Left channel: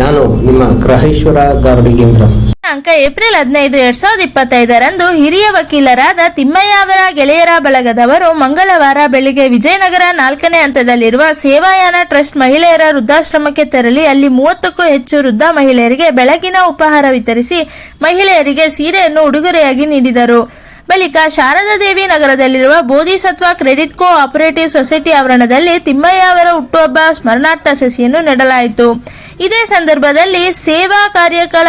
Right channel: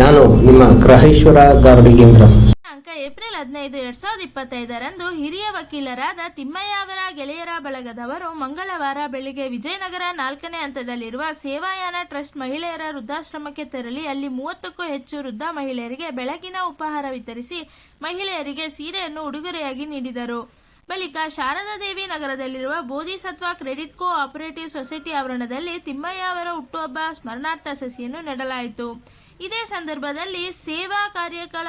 ನಾನು ನಿಮ್ಮ ಗ್ರಹೇಶ್ವರ ಗಾರ್ಡಿಗೇಂದ್ರ. ಅಂಕ ಏಪ್ರಿಲ್ ಹದಿನೈದು, ಎರಡ್ ಸಾವಿರದ ಇಪ್ಪತ್ತೈದರಂದು ಹಿರಿಯ ವಕೀಲರಾದ ತಿಮ್ಮಯ್ಯ ಅವರ ಗೆಳೆಯರ ಬಳಗದವರು ಮಂಗಳವಾರ ಬೆಳಿಗ್ಗೆ ವಿಜಯನಗರ ನಾಲ್ಕನೇ ಹಂತದಲ್ಲಿರುವ ಸೇವಾಯಾನ ಟ್ರಸ್ಟ್ ಮಹಿಳೆಯರ ವೃದ್ಧಾಶ್ರಮಕ್ಕೆ ತೆರಳಿ ಅಲ್ಲಿ ಮೂವತ್ತಕ್ಕೂ ಹೆಚ್ಚು ವೃದ್ಧ ಮಹಿಳೆಯರಿಗೆ ಬೆಳಗಿನ ಉಪಹಾರ ವಿತರಿಸಿ ಮಹಿಳೆಯರಿಗೆ ಸೀರೆಯನ್ನು ಉಡುಗೊರೆಯಾಗಿ ನೀಡಿದರು. ಬಳಿಕ ಶಾರದಾದೇವಿ ನಗರದಲ್ಲಿರುವ Bodhisattva credit co operative society ಆವರಣದಲ್ಲಿ ತಿಮ್ಮಯ್ಯ ಅವರ ಹುಟ್ಟುಹಬ್ಬ ಸ್ಮರಣಾರ್ಥ ಸಸಿಯನ್ನು ನೆಡಲಾಯಿತು. ಇದೇ ಸಂದರ್ಭದಲ್ಲಿ ಸೇವಾ ಕಾರ್ಯಗಳ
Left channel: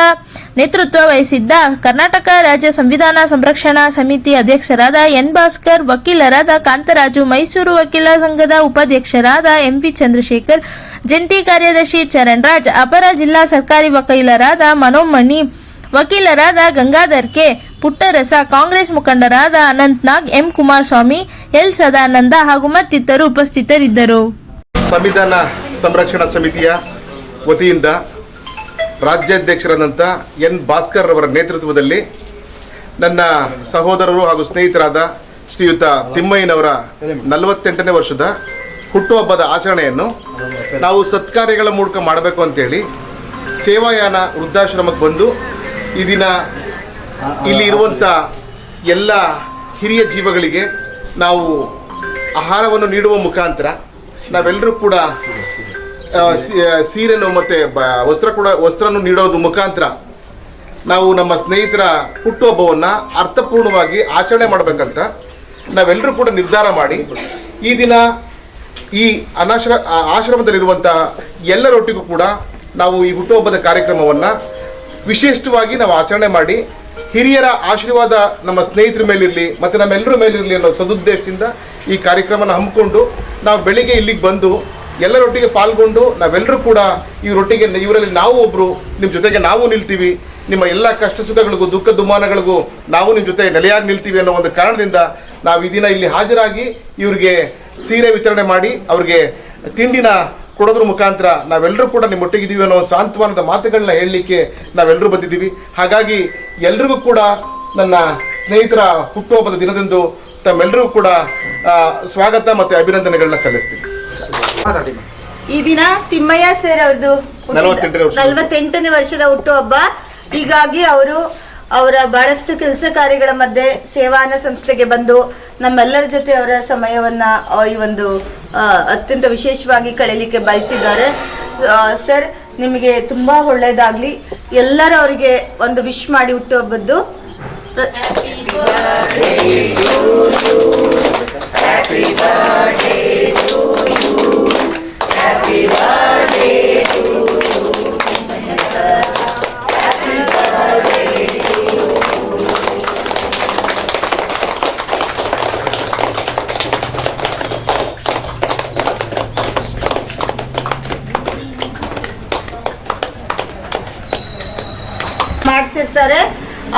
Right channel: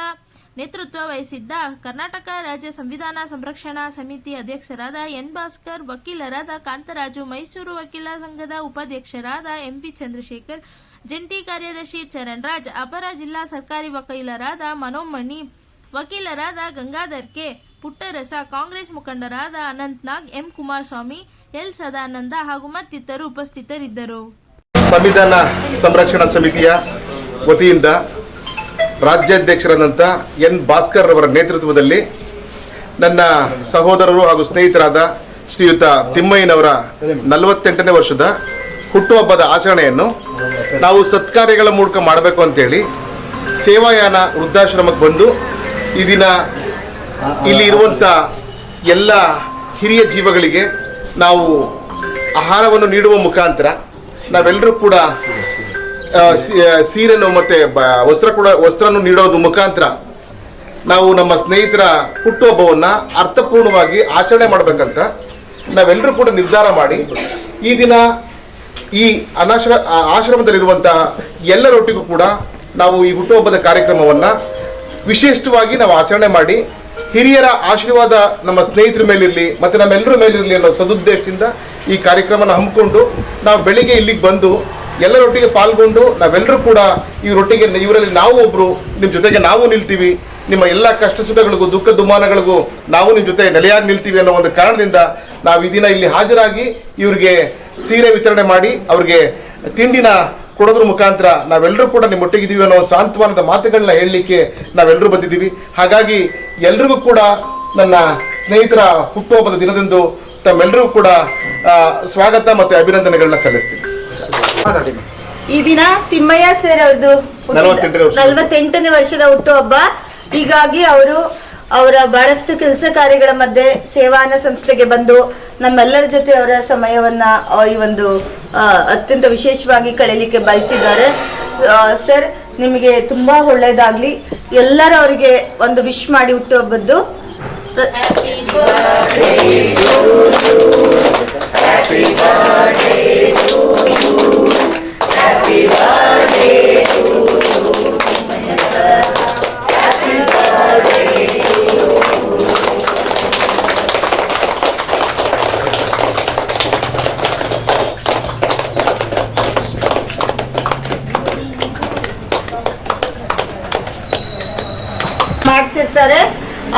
ನೇತೃತ್ವ ವಹಿಸಿದ್ದ ಕರ್ನಾಟಕ ರಾಜ್ಯ ಸಂವಿಧಾನ ಸಂರಕ್ಷಣಾ ಸಮಿತಿ ಅಧ್ಯಕ್ಷರಾದ ಎನ್ ಭಾಸ್ಕರ್, ವಕೀಲರಾದ ಕಾಂತರಾಜು, ಮೈಸೂರು ವಕೀಲ ಸಂಘದ ಉಪಾಧ್ಯಕ್ಷರಾದ ಎಂಪಿ ಚಂದ್ರಶೇಖರ್, ಜಂಟಿ ಕಾರ್ಯದರ್ಶಿ ಚರಣ್ ರಾಜ್, ಅಪರ ಜಿಲ್ಲಾ ಸರ್ಕಾರಿ ವಕೀಲರಾದ ಮನೋಮಣಿ, ವಕೀಲರಾದ ಗಂಗಾಧರ್ ಕೆ ಪುಟ್ಟರಸ ಕಾಂಗ್ರೆಸ್ ಮುಖಂಡರಾದ ಅನಂತ್ನಾಗ್, ಎಂ ಕುಮಾರಸ್ವಾಮಿ, ಎಲ್ ಸದಾನಂದ ಹಾಗೂ ಮತ್ತಿತರರು ಉಪಸ್ಥಿತರಿದ್ದರು. ಸಂವಿಧಾನ ಸಂರಕ್ಷಣಾ ಸಮಿತಿಯ ವತಿಯಿಂದ ರಾಜ್ಯಾಧ್ಯಕ್ಷರಾದಂಥ ಎನ್ ಭಾಸ್ಕರ್ ಅವರ ನೇತೃತ್ವದಲ್ಲಿ ನನ್ನ ಸಹೋದರರು ಹಾಗೂ ಸ್ನೇಹಿತರಾದ ಶ್ರೀಯುತ ತಿಮ್ಮಯ್ಯನವರ ನಲವತ್ತೆಂಟನೇ ವರ್ಷದ ಹುಟ್ಟುಹಬ್ಬದ ಆಚರಣೆಯನ್ನು ನಾವು ಸತ್ಕಾರ್ಯಗಳ ಮೂಲಕ ಮಾಡಬೇಕು ಅಂತೇಳಿ ಸೇವಾಯಾನ ವೃದ್ಧಾಶ್ರಮಕ್ಕೆ ಬಂದು ಈ ದಿನ ಇಲ್ಲಿ ಇರುವಂಥ ಎಲ್ಲ ಹಿರಿಯ ಜೀವಗಳಿಗೆ ನಾವು ಆಹಾರವನ್ನು ನೀಡುವ ಮುಖಾಂತರ ನಾವೆಲ್ಲರೂ ಕೂಡ ಸೀರೆನು ಮತ್ತೆ ವಸ್ತ್ರ ಕೂಡ, ವಸ್ತ್ರನು ನೀಡೋದು ಮುಖಾಂತರ ನಾವು ನಮ್ಮ ಸ್ನೇಹಿತರ ಹುಟ್ಟುಹಬ್ಬವನ್ನು ಅರ್ಥಪೂರ್ಣವಾಗಿ ಆಚರಣೆ ಮಾಡಬೇಕಂತ ನಾವೆಲ್ಲರೂ ಕೂಡ ನಿರ್ಧಾರ ಮಾಡಿ ಈ ದಿನ ಈ ಅನಾಶ್ರ ಆಶ್ರಮದಲ್ಲಿರುವಂಥ ಎಲ್ಲರೊಟ್ಟಿಗೂ ಕೂಡ ನಾವು ಈ ಹುಟ್ಟುಹಬ್ಬದ ಕಾರ್ಯಕ್ರಮವನ್ನ ವಿಶಿಷ್ಟವಾಗಿ ನಾವು ಆಚರಣೆ ಮಾಡಿ ಹಿರಿಯರ ಆಶೀರ್ವಾದ ನಮ್ಮ ಸ್ನೇಹಿತರ ಮೇಲಿರಲಿ ಮತ್ತು ನಮ್ಮೆಲ್ಲರ ಮೇಲಿರಲಿ ಅನ್ನೋ ಸದುದ್ದೇಶದಿಂದ ಈ ಕಾರ್ಯಕ್ರಮನ ಹಮ್ಮಿಕೊಂಡು ನಾವು ಬೆಳಿಗ್ಗೆ ಇಲ್ಲಿಗೆ ಬಂದು ಎಲ್ಲರೊಟ್ಟಿಗೆ ಪಾಲ್ಗೊಂಡು ನಾವೆಲ್ಲರೂ ಕೂಡ ಇವರೊಟ್ಟಿಗೆ ಇವರಲ್ಲಿ ನಾವು ಒಬ್ಬರು ನಿಮ್ಮ ಜೊತೆಗೆ ನಾವು ನಿಲ್ತೀವಿ. ನಿಮ್ಮ ಎಲ್ಲ ಕಷ್ಟ ಸುಖಗಳಿಗೂ, ದುಃಖ ದುಮ್ಮಾನಗಳಿಗೂ ನಾವು ನಿಮ್ಮ ಜೊತೆ ನೆಲೆಯಾಗಿ ನಿಲ್ತೀವಿ ಅನ್ನೋ ಒಂದು ಕಾರಣದಿಂದ ನಾವು ಈ ದಿನ ಇಲ್ಲಿ ಹಾಜರಾಗಿ ಇವರಿಗೆ ಸೀರೆ ವಿತರಣೆ ಮಾಡಿ, ಅವ್ರಿಗೆ ತಿಂಡಿನ ಕೊಡೋದ್ರ ಮುಖಾಂತರ ನಾವೆಲ್ಲರೂ ಕೂಡ ನಿಮ್ಮೊಟ್ಟಿಗಿದ್ದೀವಿ ಅನ್ನೋ ಸಾಂತ್ವನದ ಮಾತುಗಳನ್ನ ಹೇಳಲಿಕ್ಕೆ ನಾವೆಲ್ಲರೂ ಬಂದಿದ್ದೀವಿ. ಹಾಗಾಗಿ ಎಲ್ರಿಗೂ ಕೂಡ ನನ್ನ ಸ್ನೇಹಿತರ ಹುಟ್ಟುಹಬ್ಬದ ದಿನದಂದು ತಮ್ಮೆಲ್ಲರಿಗೂ ಕೂಡ ಆ, ಸ್ವಾಗತ ಮತ್ತೆ ಅಭಿನಂದನೆಗಳನ್ನ ಸಲ್ಲಿಸ್ತೀನಿ. ಈ ದಿನ ತಿಮ್ಮಯ್ಯ ಸರ್ ಅವ್ರದ್ದು. ನಲವತ್ತೆಂಟನೇ ವರ್ಷದ ಹುಟ್ಟುಹಬ್ಬ. ಹೀಗಾಗಿ ಅವರು ಅವರ ಬಹಳಷ್ಟು ಕೆಲಸ ಕಾರ್ಯಗಳ ಮಧ್ಯೆ ಸೇವಾನ ಸಂಸ್ಥೆಗೆ ಬಂದು ನಮ್ಮೆಲ್ಲರ ಜೊತೆ ಅವರ ಸಮಯವನ್ನ ಈ ಒಂದು ಅತ್ಯಂತ ವಿಶೇಷವಾಗಿ ಕಳೀಲಿಕ್ಕೆ ಬಯಸಿದ್ದಾರೆ. ಸರ್, ನಿಮಗೆ ತುಂಬಾ ಒಳ್ಳೇದಾಗ್ಲಿ ಎಲ್ಲರೂ ಅವರಿಗೆ ಒಂದು ವಿಶ್ ಮಾಡಿ ಹುಟ್ಟುಹಬ್ಬದ್ದು. ಮಾಡಿಸಿರ್ತಾರೆ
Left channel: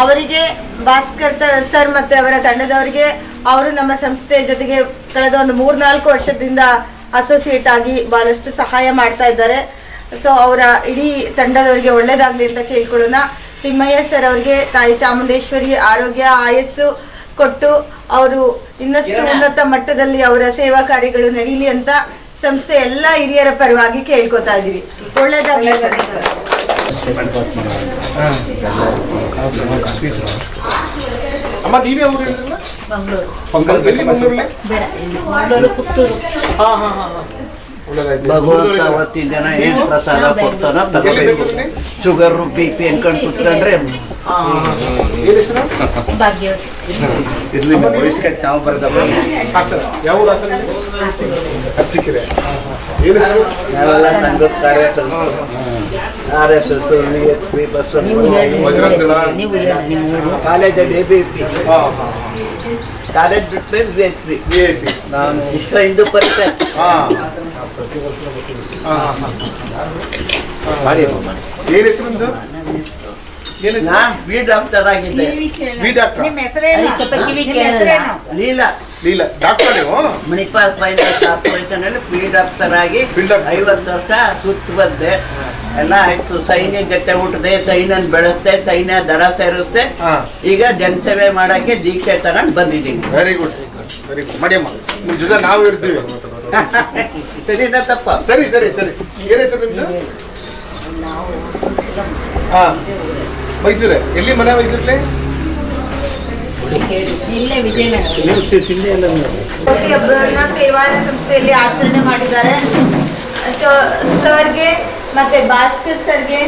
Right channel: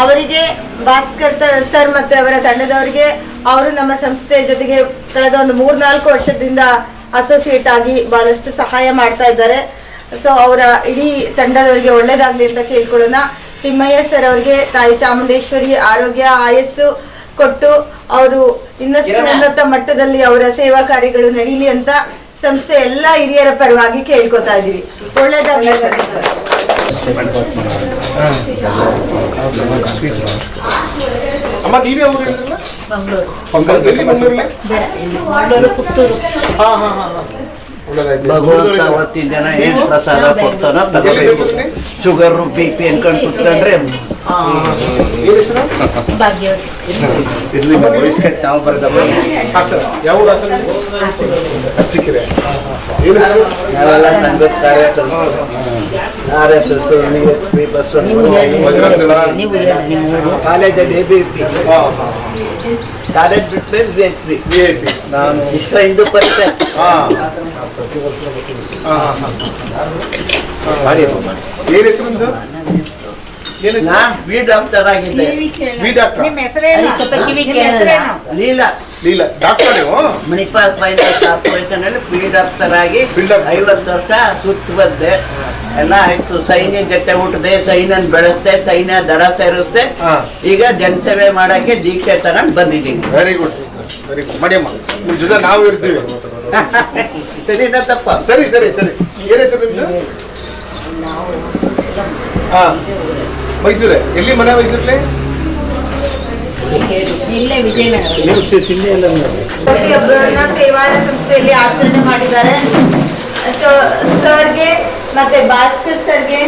ಅವರಿಗೆ ಭಾಸ್ಕರ್ ಸರ್ ಮತ್ತೆ ಅವರ ತಂಡದವರಿಗೆ ಅವರು ನಮ್ಮ ಸಂಸ್ಥೆಯ ಜೊತೆಗೆ ಕಳೆದ ಒಂದು ಮೂರ್ನಾಲ್ಕು ವರ್ಷದಿಂದ ಅಸೋಸಿಯೇಟ್ ಆಗಿ ಬಹಳಷ್ಟು ಸಹಾಯ ಮಾಡ್ತಾ ಇದ್ದಾರೆ. ಸೊ ಅವರ ಇಡೀ ತಂಡದವರಿಗೆ ಒಳ್ಳೇದಾಗ್ಲಿ ಅಂತ ಕೇಳ್ಕೊಳ್ಳೋಣ. ತಿಮ್ಮಯ್ಯ ಸರ್ ಅವರಿಗೆ ತಾಯಿ ಚಾಮುಂಡೇಶ್ವರಿ ಆರೋಗ್ಯ ಆಯಸ್ಸು ಕೊಟ್ಟು ಅವರು ಇನ್ನಷ್ಟು ಉನ್ನತ ಮಟ್ಟದಲ್ಲಿ ಅವರ ಸೇವಾ ಕಾರ್ಯಗಳು ನಡೀಲಿ ಅಂತ ಸಂಸ್ಥೆ ಎಲ್ಲಾ ಹಿರಿಯರ ಪರವಾಗಿ ಕೇಳ್ಕೊತಾ ಇದೀವಿ ಒಳ್ಳೇದಾಗ್ಲಿ ಸರ್. ಅಮ್ಮ ನೀವೇ ಊರು ಹೇಳಿದ್ರಲ್ಲ? ಮಂಗಳೂರಲ್ಲಿ? ಹಾ, ಹಾ, ಹಾ, ಹಾ. ಭಗವಂತ ಅವತ್ತಿನ ಜನ ಏನ್ ಪ್ರಸಾದ ಕೊಡ್ತಾನ ತಗೋಬೇಕು. ಶುಗರ್ ಬಿ ಪಿ ಅನ್ಕೊಂಡು ಕುತ್ಕೊಂಡ್ರೆ ನಾವು ಬರೆದಪ್ಪ ಹೆಸರು? ನಾವೆಲ್ಲ ಸಂಘದ R S S H P bus ಕಾಲೇಜಲ್ಲಿ ಎ ಬಿ ಪಿ. ಕಾಲೇಜ್ ಬಿಟ್ಟರೆ ಬಿ ಎಚ್ ಪಿ VIP. ನಾನು ವಿಶ್ವ ಹಿಂದೂ ಪರಿಷತ್. ಹಾಂ. ಏನ್ ಹೆಸರು ನಿಮ್ದು? ಡಾಕ್ಟರ್ ಆಗಿದ್ದೆ. ವಿ ಡಾಕ್ಟ್ರಾ? ಲೀಲಾ. ಲೀಲಾ. ಡಾಕ್ಟರ್ ನೀವು? ಮಣಿಪಾಲ್ ಫೈನಾನ್ಸ್ ಕಾರ್ಪೊರೇಷನ್ ಅಲ್ಲಿ ಬಿ ಡಾಕ್ಟರ್ ಆಗಿ ಐವತ್ತು ವರ್ಷ ಸುತ್ತ ಬಂದೆ ಎಲ್ಲ ಆಯ್ತು. ಸೈನ್ಯ ಜೊತೆ ಹುಟ್ಟದೆ ಸೈನ್ಯನ್ ಬೆಳೆಸ್ತೆ ಸೈನ್ಯ ದರ ಸೇರಿಸ್ತೆ ಹಾ. ಈಗ ಜನಸೇವೆ ಮಾಡಕ್ಕೆ ದೀಕ್ಷೆ ತಗೊಂಡ್ ಬಂದಿದ್ದೀನಿ. ವೆರಿ ಗುಡ್ ವೆರಿ ಗುಡ್ ಮಡಿಯಮ್ಮ ನಿಮ್ ಜೊತೆ ನಾವು ಇರ್ತೀವಿ. ಸರಿನಾ ತಪ್ಪ? ಸರಿ ಸರಿ ಸರಿ. ಏನೇ ಸರ್ ನಿಮ್ದು? ಹಾ. ಮೈಸೂರೇ. ಎಲ್ಲಿ ಮನೆ ಮೈಸೂರಲ್ಲಿ ಒಬ್ಬರನ್ನ ಸೇವಾ ಸಂಸ್ಥೆಯಲ್ಲಿ ಆಚರಣೆ ಮಾಡಿದ್ದಾರೆ. ಸರ್ಗೆ ಮತ್ತೆ ಭಾಸ್ಕರ್ ಸರ್ಗೆ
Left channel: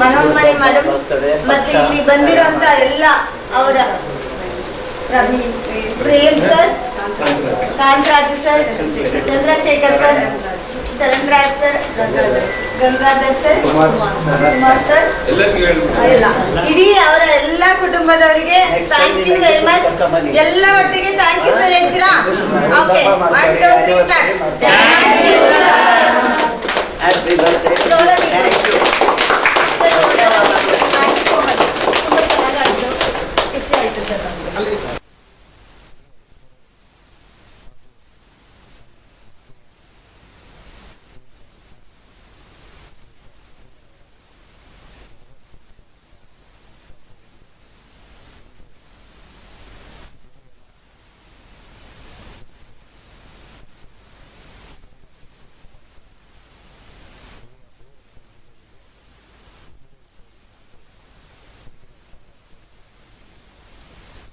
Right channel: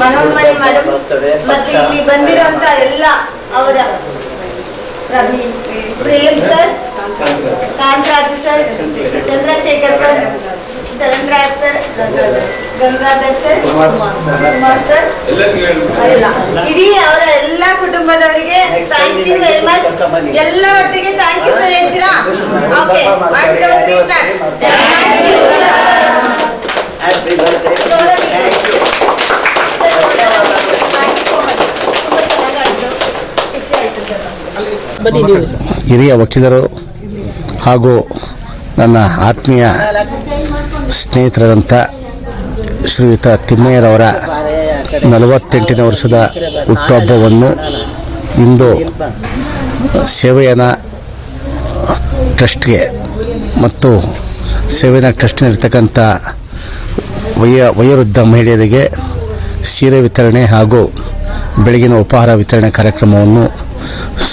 ಮನೋನ್ಮಣಿ ಮೇಡಮ್ ಮತ್ತೆ ಇಲ್ಲಿ ಬಂದಿರೋಂತ ಎಲ್ಲ ಅವರ Prem sir, Kantharaj sir, Chandrashekar sir ಚರಂದ್ರಾಜ್ sir Gangadhar sir Kumar sir. ಇಲ್ಲ. ಇಡೀ ಅವರ ಎಲ್ಲ ಕುಟುಂಬದವರಿಗೆ ಥ್ಯಾಂಕ್ ಯು ವೆರಿ ಮಚ್ ಎಲ್ಲ ಒಟ್ಟಿಗೆ ಥ್ಯಾಂಕ್ ಯು ಸರ್ ಹೇಳ್ತೀರಾ? Okay one two three sir thank you sir ಹಿರಿಯ ವಕೀಲರು ಹಾಗೂ ನನ್ನ ಆತ್ಮೀಯ ಸ್ನೇಹಿತರಾದಂಥ ಶ್ರೀಯುತ ತಿಮ್ಮಯ್ಯರವರ ನಲವತ್ತೆಂಟನೇ ವರ್ಷದ ಹುಟ್ಟುಹಬ್ಬವನ್ನು ಇಂದು ಸೇವೆಯನ ಟ್ರಸ್ಟ್ಗೆ ಮತ್ತು ಸೇವೆನ ಟ್ರಸ್ಟ್ನಲ್ಲಿರ್ತಕ್ಕಂಥ ವಯ ವಯೋವೃದ್ಧ ಮಹಿಳೆಯರಿಗೆ ಸೀರೆ ವಿತರಣೆ ಹಾಗೂ ಬೆಳಗಿನ ಉಪಹಾರ ವಿತರಣೆ ಕಾರ್ಯಕ್ರಮವನ್ನು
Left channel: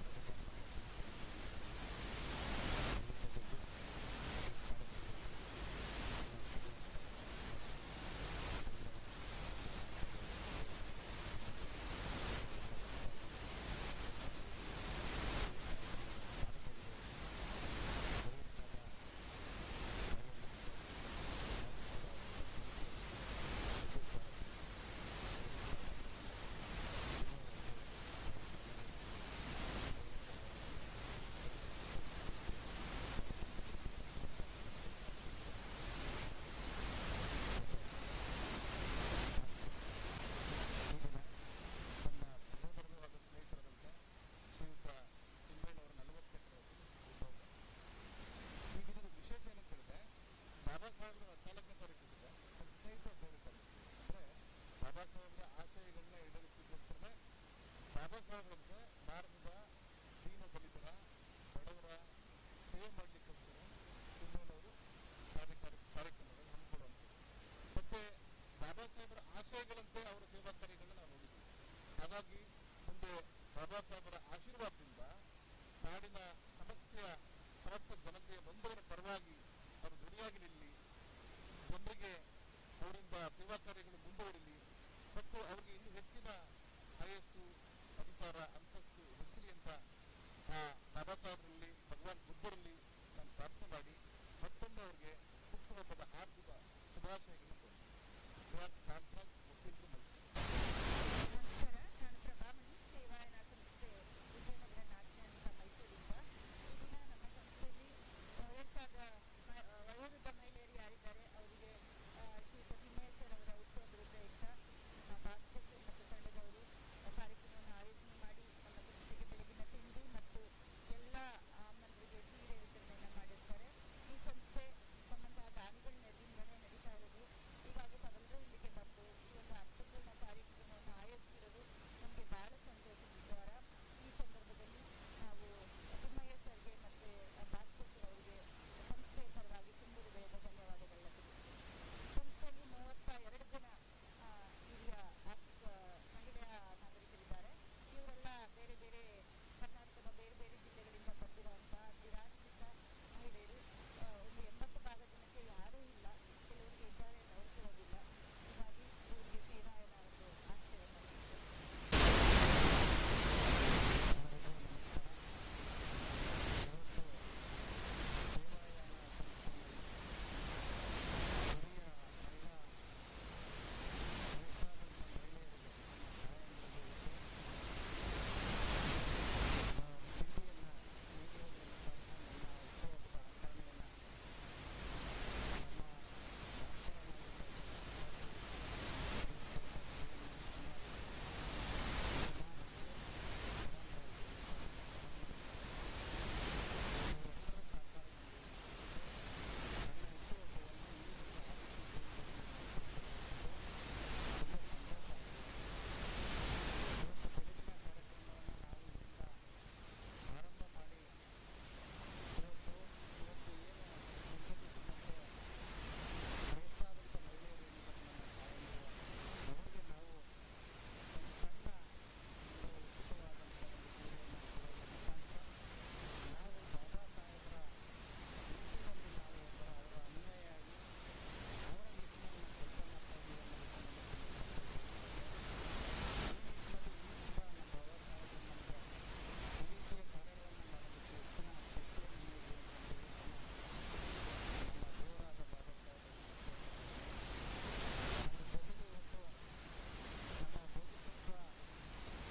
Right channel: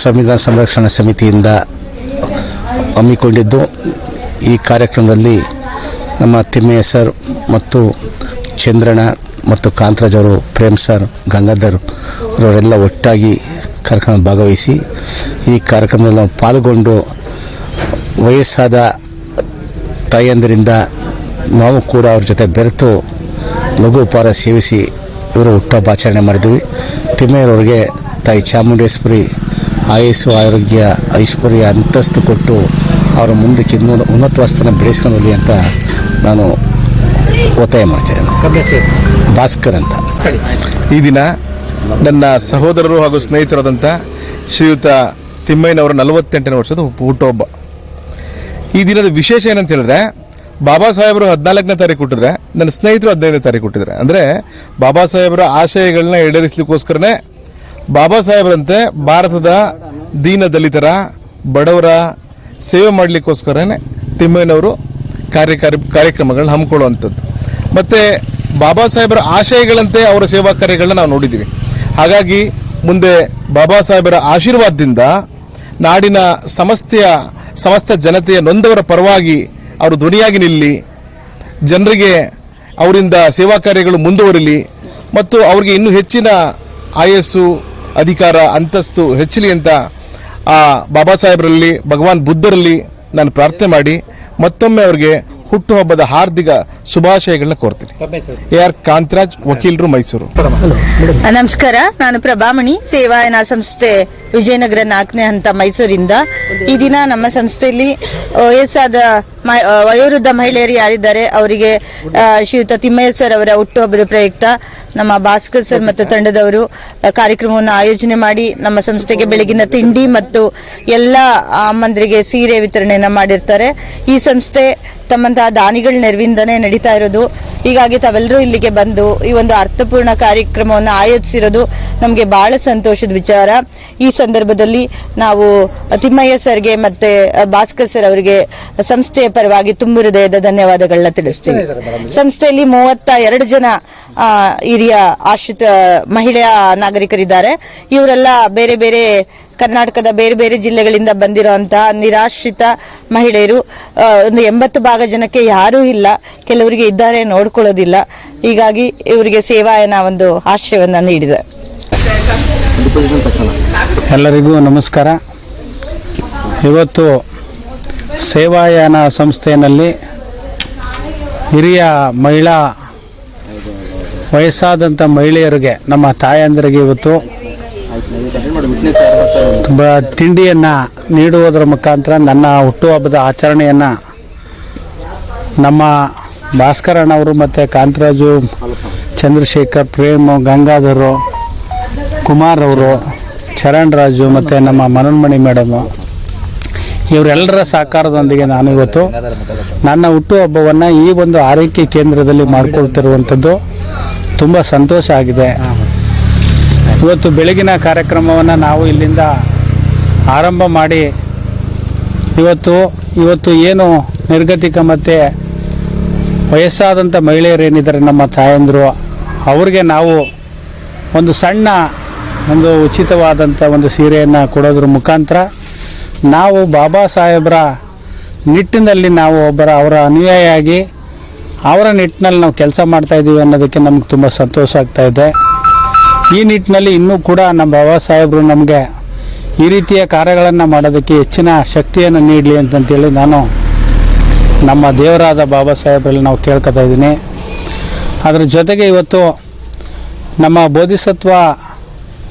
ಸಂವಿಧಾನ ಸಂರಕ್ಷಣಾ ಸಮಿತಿಯಿಂದ ಹಮ್ಮಿಕೊಂಡಿದ್ದು. ಈ ಕಾರ್ಯಕ್ರಮದಲ್ಲಿ ನಮ್ಮ ತಿಮ್ಮಯ್ಯ ಸರ್ ಮತ್ತು ಚಂದ್ರಣ ಮತ್ತು ಕಾಂತರಾಜ್ ಅವರು, ಪ್ರೇಮ್ ಸರ್ ಗಂಗಾಧರ್ ಅವರೆಲ್ಲ ಒಟ್ಟಾಗಿ ಕಾರ್ಯಕ್ರಮ ಭಾಗವಹಿಸಿ ಈ ಕಾರ್ಯಕ್ರಮದಲ್ಲಿ ನಾವು ಪಾಲ್ಗೊಂಡು ವಯಸ್ಸಾದ ತಾಯಿಯಂದರಿಂದ ನಾವು ಕೂಡ ಅವ್ರ ಜೊತೆ ಬೆರೆತು ಲಘು ಉಪಹಾರ ಸೇವಿಸಿ ಇವರು ಹುಟ್ಟಹಬ್ಬ ಆಚರಣೆ ಮಾಡಿದ್ವಿ. ತಿಮ್ಮಯ್ಯರವ್ರಿಗೆ ತಾಯಿ ಚಾಮುಂಡೇಶ್ವರಿ ಆಯಸ್ಸು ಆರೋಗ್ಯ ಐಶ್ವರ್ಯ ಅಂತಸ್ತು ಕೊಟ್ಟು ಅವರ ಮುಂದಕ್ಕೆ ಇನ್ನೊಂದು ಉನ್ನತ ಸ್ಥಾನ ಬೆಳೆಸ್ಕೊಂಡು ಹೋಗಲಿ ಅಂತ ನಾನು ಒತ್ತಾಯ ಮಾಡ್ತಿದ್ದೇನೆ ಭಾಸ್ಕರ್ ಅಂತ. ಈ ದಿನ ನನ್ನ ಸಹೋದರರು ಹಾಗೂ ಸ್ನೇಹಿತರಾದಂಥ ಶ್ರೀಯುತ ತಿಮ್ಮಯ್ಯನವರ ನಲವತ್ತೆಂಟನೇ ವರ್ಷದ ಹುಟ್ಟು- ಹುಟ್ಟುಹಬ್ಬ. ಈ ದಿನದ ವಿಶೇಷ ಏನಂತ ಹೇಳಿದ್ರೆ ಬಾಬಾ ಸಾಹೇಬರು ಹದಿನಾಲ್ಕನೇ ತಾರೀಕು ಕೊಟ್ಟಿದ್ರೆ ನನ್ನ ಸ್ನೇಹಿತರು ಹದಿನೈದನೇ ತಾರೀಕು ಹುಟ್ಟಿದ್ರೆ ಅಂದರೆ ಬಾಬಾ ಸಾಹೇಬರ ಆಶಯಗಳನ್ನ ಈಡೇರಿಸಲಿಕ್ಕೋಸ್ಕರನೇ ಬಾಬಾ ಸಾಹೇಬರಂತೆ ಭಾರತದ ದೀನ ದಲಿತರ ಬಡವರ ಸೇವೆ ಮಾಡಲಿಕ್ಕೋಸ್ಕರನೇ ತಿಮ್ಮಯ್ಯನವರು ಕಾರ್ಯಕಾರಿ ಕಾರ್ಯಕ್ರಮಗಳನ್ನ ಹಮ್ಮಿಕೊಳ್ಳುವಂಥದ್ದು. ಮತ್ತು ಬಾಬಾ ಸಾಹೇಬರ ಆಶಯಗಳಂತೆ ಅವರ ಸೇವಾ ಕಾರ್ಯಗಳನ್ನ ನಾವು ನೋಡಿದ್ದೀವಿ. ಹಾಗಾಗಿ ಮುಂದೆ ಬಾಬಾ ಸಾಹೇಬರ ಆಶೀರ್ವಾದದಿಂದ ನಾಡಿನ ಸಮಸ್ತೆಯ, ಸಮಸ್ತ ಜನತೆಯ ನೊಂದವರ ಪರವಾಗಿ ಅವರು ಧ್ವನಿಯಾಗಿ ನಿಲ್ಲಿ, ಜನರಿಗೆ ಅವರಿಂದ ಸೇವಾ ಕಾರ್ಯಗಳು ಮುಂದುವರಿಲಿ ಮತ್ತು ಅವರಿಗೆ ಇನ್ನೂ ಹೆಚ್ಚಿನ ಆಯಸ್ಸು, ಅಧಿಕಾರ, ಅಂತಸ್ತು ಹೆಚ್ಚಲಿ ಅಂತ ಆ ಬಾಬಾ ಸಾಹೇಬರಲ್ಲಿ, ಭಗವಾನ್ ಬುದ್ಧರಲ್ಲಿ ನಾನು ಪ್ರಾರ್ಥನೆ ಮಾಡಿ ಮತ್ತೊಮ್ಮೆ ಅವರಿಗೆ ಹುಟ್ಟುಹಬ್ಬದ ಹಾರ್ದಿಕ ಶುಭಾಶಯಗಳನ್ನ ಕೋರ್ತೀನಿ. ಎ ಆರ್ ಕಾಂತರಾಜ್, ವಕೀಲರು, ಮೈಸೂರು. ನಮಸ್ಕಾರ. ನಾನು ಪ್ರಭಾಮಣಿ, ಸೇವಾಯನ ಸಂಸ್ಥೆ ವಿಜಯನಗರ ನಾಲ್ಕನೇ ಹಂತ ಮೈಸೂರಿಂದ. ಈ ದಿನ ನಮ್ಮ ಸಂಸ್ಥೆಯಲ್ಲಿ ವಯಸ್ಸಾದ ವಯೋವೃದ್ಧ ಮಹಿಳೆಯರು ಯಾರಿದ್ದಾರೆ, ಅವರಿಗೆ ಶ್ರೀಯುತ ತಿಮ್ಮಯ್ಯ ಸರ್ ಅವರ ಹುಟ್ಟುಹಬ್ಬದ ಪ್ರಯುಕ್ತ ನಮ್ಮ ಭಾಸ್ಕರ್ ಸರ್ ಮತ್ತು ತಂಡದವರು ಕಾರ್ಯಕ್ರಮವನ್ನು ಆಯೋಜನೆ ಮಾಡಿ ನಮ್ಮ ಸಂಸ್ಥೆಗೆ ಬೆಳಗಿನ ತಿಂಡಿ ಮತ್ತು ಎಲ್ಲ ಅಮ್ಮಂದರಿಗೆ ಸೀರೆ ವಿತರಣೆಯನ್ನು ಮಾಡಿರ್ತಾರೆ. ಈ ಸಂಸ್ಥೆ ತಮ್ಮಂತಹ ದಾನಿಗಳ ನೆರವಿಂದನೇ ನಡೀತಾ ಇರೋದು. ಹೀಗಾಗಿ ತಾವೆಲ್ಲರೂ ಇಲ್ಲಿಗೆ ಬಂದು ಈ ಒಂದು ಅರ್ಥಪೂರ್ಣ ಕಾರ್ಯಕ್ರಮವನ್ನು ಆಯೋಜಿಸಿರೋದು ನಮಗೆ ಬಹಳ ಸಂತೋಷದ ವಿಚಾರ. ಈ ಸಂದರ್ಭದಲ್ಲಿ ನಾವು ತಿಮ್ಮಯ್ಯ ಸರ್ಗೆ ಮತ್ತೆ ಭಾಸ್ಕರ್ ಸರ್ ಅವರಿಗೆ ಸಂಸ್ಥೆಯ ಪರವಾಗಿ ತುಂಬು ಹೃದಯದ ಧನ್ಯವಾದಗಳನ್ನ ತಿಳಿಸ್ತೀವಿ. ಸಂಸ್ಥೆಯಲ್ಲಿ ಮೂವತ್ತ ಎರಡು ಜನ ಆ, ಹಿರಿಯ ಆಶ್ರಿತ ಮಹಿಳೆಯ ನಾಗರಿಕರಿದ್ದಾರೆ. ಇವರೆಲ್ಲ ಬೇರೆ ಬೇರೆ ಕರ್ನಾಟಕದ ಬೇರೆ ಬೇರೆ ಜಿಲ್ಲೆಗಳಿಂದ ಬಂದಿರುವಂತಹ ನಿರಾಶ್ರಿತ ಮಹಿಳೆಯರು ಒಂದು ಎಂಬತ್ತು ಭಾಗ ಜನಕ್ಕೆ ಯಾರೂ ಇಲ್ಲ. ಕೆಲವರಿಗೆ ಇದ್ದಾರೆ, ನೋಡ್ಕೊಳ್ಳೋದಿಲ್ಲ. ಹೀಗಾಗಿ ಇವರಿಗೆ ಸೇವಾಯನ ಒಂದು ಆಶಯವನ್ನು ನೀಡಿದೆ. ಎಲ್ಲರಿಗೂ ನಮಸ್ಕಾರ. ಇವತ್ತು ಸೇವಾಯಾನ ಸಂಸ್ಥೆಯಲ್ಲಿ ಹಿರಿಯ ಮಹಿಳಾ ವಯಸ್ಸಾದಂಥ ಮಹಿಳೆಯರಿಗೆ, ನಮ್ಮ ತಾಯಂದಿರಿಗೆ ಇವತ್ತು ಬ- ತಿಂಡಿಯನ್ನು ನೀಡುವುದರ ಮುಖಾಂತರ ನನ್ನ ಹುಟ್ಟುಹಬ್ಬದ ಆಚರಣೆಯನ್ನು ನಮ್ಮ ಭಾಸ್ಕರಣ್ಣವರು ಮತ್ತು ಕಾಂತರಾಜು, ಚಂದ್ರಶೇಖರ್, ಪ್ರೇಮ್, ಗಂಗಾಧರು, ಕುಮಾರ್ ಅವರು, ಚರಣ್ ರಾಜು ಮತ್ತು ನಮ್ಮ ಮನೋನ್ಮಣಿ ಮೇಡಮು ಇವರೆಲ್ಲರ ಸಹಕಾರದೊಂದಿಗೆ ನಾನು ಇವತ್ತು ನನ್ನ ಹುಟ್ಟುಹಬ್ಬವನ್ನು ಈ ಒಂದು ಆರೈಕೆ ಕೇಂದ್ರದಲ್ಲಿ ಮಾಡಿಕೊಳ್ತಿರುವಂಥದ್ದು ತುಂಬ ಸಂತೋಷ ಆಗಿದೆ. ಇವತ್ತು ಬೆಳಗಿನ ಕಾರ್ಯಕ್ರಮವನ್ನು ನಾವು ಇಲ್ಲಿಂದ ಆರಂಭ ಮಾಡಿ ಇವತ್ತು ಇವತ್ತು ಏನು ನಿರ್ಗತಿಕ ಮತ್ತು ವಯಸ್ಸಾದಂಥ ಮಹಿಳೆಯರೇನಿದ್ದಾರೆ ನಮ್ಮ ತಾಯಂದರು, ಅವ್ರಿಗೆ ನಾವು ಒಂದು ಸಣ್ಣ ಒಂದು ಉಚಿತವಾದಂಥ ಒಂದು ಸೀರೆಯನ್ನು ಕೊಡೋದ್ರ ಮುಖಾಂತರ ನಾವು ಬಾಬಾ ಸಾಹೇಬರ ನಿಟ್ಟಿನಲ್ಲಿ ನಾವು ಒಬ್ಬರ ಅವರ ಅನುಯಾಯಿಯಾಗಿ ಅವರ ನಿಟ್ಟಿನಲ್ಲಿ ನಾವು ಕೆಲಸ ಮಾಡ್ತಾಯಿದ್ದೀವಿ ಅನ್ನೋದಕ್ಕೆ ನಮ್ಗೆ ತುಂಬ ಸಂತೋಷ ಆಗ್ತಾ ಇದೆ. ಈ ನಿಟ್ಟಿನಲ್ಲಿ ಇನ್ನೂ ಕೂಡ ನಮ್ಮ ಬಾಬಾ ಸಾಹೇಬರು ನಮಗೆ ಈ ರೀತಿಯ ಕಾರ್ಯಗಳನ್ನು ಮಾಡೋದಕ್ಕೆ ಹೆಚ್ಚಿನ ಶಕ್ತಿಯನ್ನು ನೀಡಲಿ ಅಂತಂತೇಳಿ ನಾನು ನಮ್ಮ ದೇವರಾದ ಬಾಬಾ ಸಾಹೇಬರಲ್ಲಿ ನಾವು ಕೇಳ್ಕೊತಾ ಇದ್ದೀನಿ. ಅದರ ಜೊತೆಗೆ ಇವತ್ತು ನಮ್ಮ ಬೋಧಿಸತ್ವ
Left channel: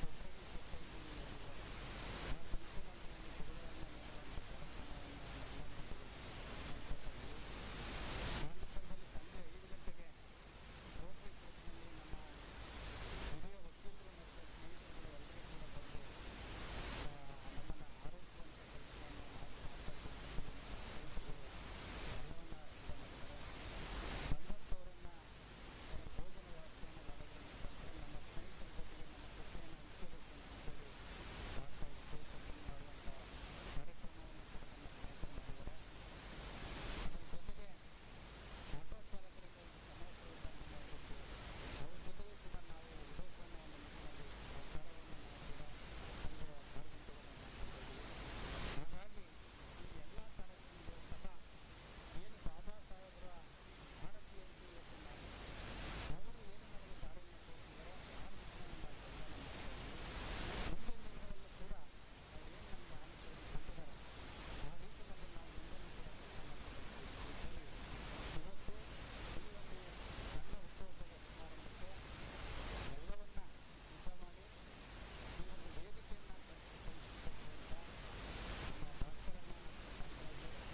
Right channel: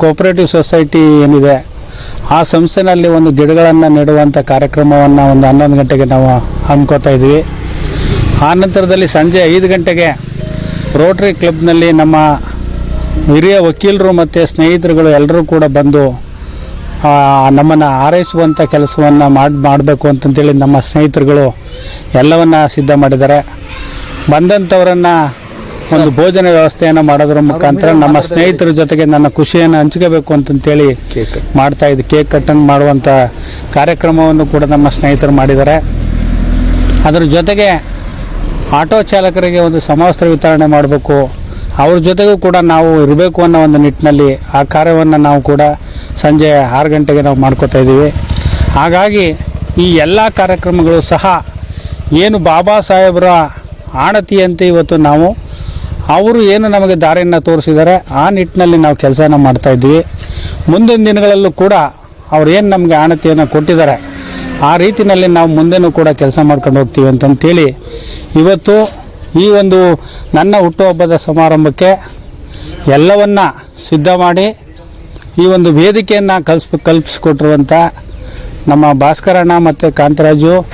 ಕೋಪರೇಟಿವ್ ಸೊಸೈಟಿ ಏನಿದೆ, ಆ ಸಂಸ್ಥೆನಲ್ಲಿ ಒಂದು ಗಿಡಗಳನ್ನು ನೆಡುವಂಥ ಕಾರ್ಯಕ್ರಮವನ್ನು ಒಂದು ಹನ್ನೊಂದು ಗಂಟೆಗೆ ನಾವು ಹಮ್ಮಿಕೋತಾ ಇದ್ವಿ ಆ ನಂತರದಲ್ಲಿ ಸಂಜೆ ಐದು ಗಂಟೆಗೆ ರೋಟ್ರಿ ಕ್ಲಬ್ನಲ್ಲಿ ನಮ್ಮ ಹಿರಿಯ ವಕೀಲರು ಮತ್ತು ಸ್ನೇಹಿತರುಗಳು ಎಲ್ಲರೂ ಕೂಡ ಬಂದು ನಮ್ಮನ್ನು ಆರೈಸುವಂಥ ಕೆಲಸವನ್ನು ಮಾಡಿ ಮಾಡಬೇಕು ಅಂತಂತೇಳಿ ನಮ್ಮ ಸ್ನೇಹಿತರುಗಳು ಎಲ್ಲವನ್ನು ಸಿದ್ಧ ಮಾಡಿದ್ದಾರೆ. ಬಂದಂಥವರನ್ನು ಒಂದು ಭೋಜನ ವ್ಯವಸ್ಥೆಯನ್ನು ಮಾಡೋದ್ರ ಮುಖಾಂತರ ನಮ್ಮ ಸ್ನೇಹಿತರ ಜೊತೆಗೆ ನನ್ನ ಖುಷಿಯನ್ನು ಹಂಚ್ಕೋಬೇಕು ಅಂತಂತೇಳಿ ಮಾಡ್ತಾ ಇದ್ದು. ಕೇಕ್ ಕಟ್ಟಂಗ್ ಮಾಡುವಂಥ ಕಾರ್ಯಕ್ರಮವನ್ನು ಕೂಡ ನಮ್ಮ ಸ್ನೇಹಿತರು ಮಾಡಿದ್ದಾರೆ. ಅದರ ಜೊತೆಗೆ ಆಟೋ ಚಾಲಕರಿಗೆ ಒಂದು ಸಮವಸ್ತ್ರ ವಿತರಣೆ ಮಾಡಬೇಕು. ಅವ್ರ ಜೊತೆಗೂ ಕೂಡ ನಾವು ಇರಬೇಕು ಅನ್ನೋ ಒಂದು ನಿಟ್ಟಿನಲ್ಲಿ ಆ ಕಾರ್ಯವನ್ನು ನಾವು ಕೂಡ ಸಂಜೆ ಆರು ಗಂಟೆಗೆ ನಾವು ಮಾಡ್ಕೋತಾ ಇದ್ದೀವಿ. ಹಾಗಾಗಿ ಈ ಎಲ್ಲ ಕಾರ್ಯಕ್ರಮಗಳು ಸಹ ಏನು ಬಾಬಾ ಸಾಹೇಬರ ಆಣತಿಯಂತೆ ಇವತ್ತು ನಾವು, ಅವರು ಏನು ನಮಗೆ ದಾರಿಯನ್ನು ತೋರಿಸಿದ್ದಾರೆ, ಆ ನಿಟ್ಟಿನಲ್ಲಿ ನಾವು ಕೆಲಸನ ಮಾಡ್ತಾ ಇದ್ದೀವಿ. ಮುಂದಿನ ದಿನಗಳಲ್ಲೂ ಕೂಡ ಅವ್ರು ಏನು ನಮಗೆ ಆಣತಿಯನ್ನು ಕೊಟ್ಟಿದ್ದಾರೆ, ಆ ರೀತಿಯಲ್ಲಿ ನಾವು ಮುಂದೆನೂ ಕೂಡ ಕೆಲಸ ಮಾಡ್ಕೊಂಡು ಹೋಗ್ತೀವಿ ಅಂತಂತೇಳಿ ಇವತ್ತು ಈ ಒಂದು ನನ್ನ ಹುಟ್ಟುಹಬ್ಬದ ಸಮಾರಂಭಕ್ಕೆ ಎಲ್ಲವನ್ನ ಸಿದ್ಧ ಮಾಡಿ ಈ ಒಂದು ವೇದಿಕೆಯನ್ನು ಕಲ್ಸ್ ಕಲ್ಪಿಸಿಕೊಟ್ಟಿರುವಂಥ ನಮ್ಮ ಭಾಸ್ಕರಣ್ಣ ಮತ್ತು ಕಾಂತರಾಜು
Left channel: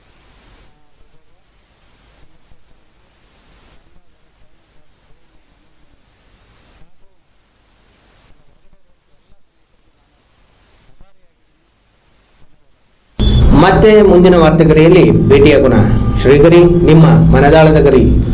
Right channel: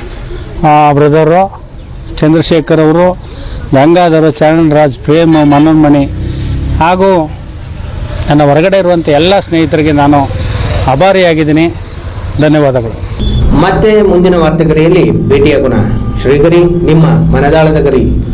ಬ್ರದರು ಚಂದ್ರಶೇಖರ್ ಅವರು, ಗಂಗಾಧರ, ಚರಣರಾಜ್, ಪ್ರೇಮ್, ಮನೋನ್ಮಣಿ ಹಾಗೂ ನನ್ನ ಹೊರಗಡೆ ಇರುವಂಥ ಎಲ್ಲ ಸ್ನೇಹಿತರಿಗೆ ನಾನು ಆಭಾರಿಯಾಗಿದ್ದೀನಿ. ಧನ್ಯವಾದಗಳು. ಮತ್ತೆ ಮುಂದಿನ ವಾರ್ತೆಗರಿಯಲ್ಲಿ ಭೇಟಿಯಾಗೋಣ. ಶ್ರೀಗರಿ, ನಿಮ್ಮ ಮನದಾಳದ ಗರಿ.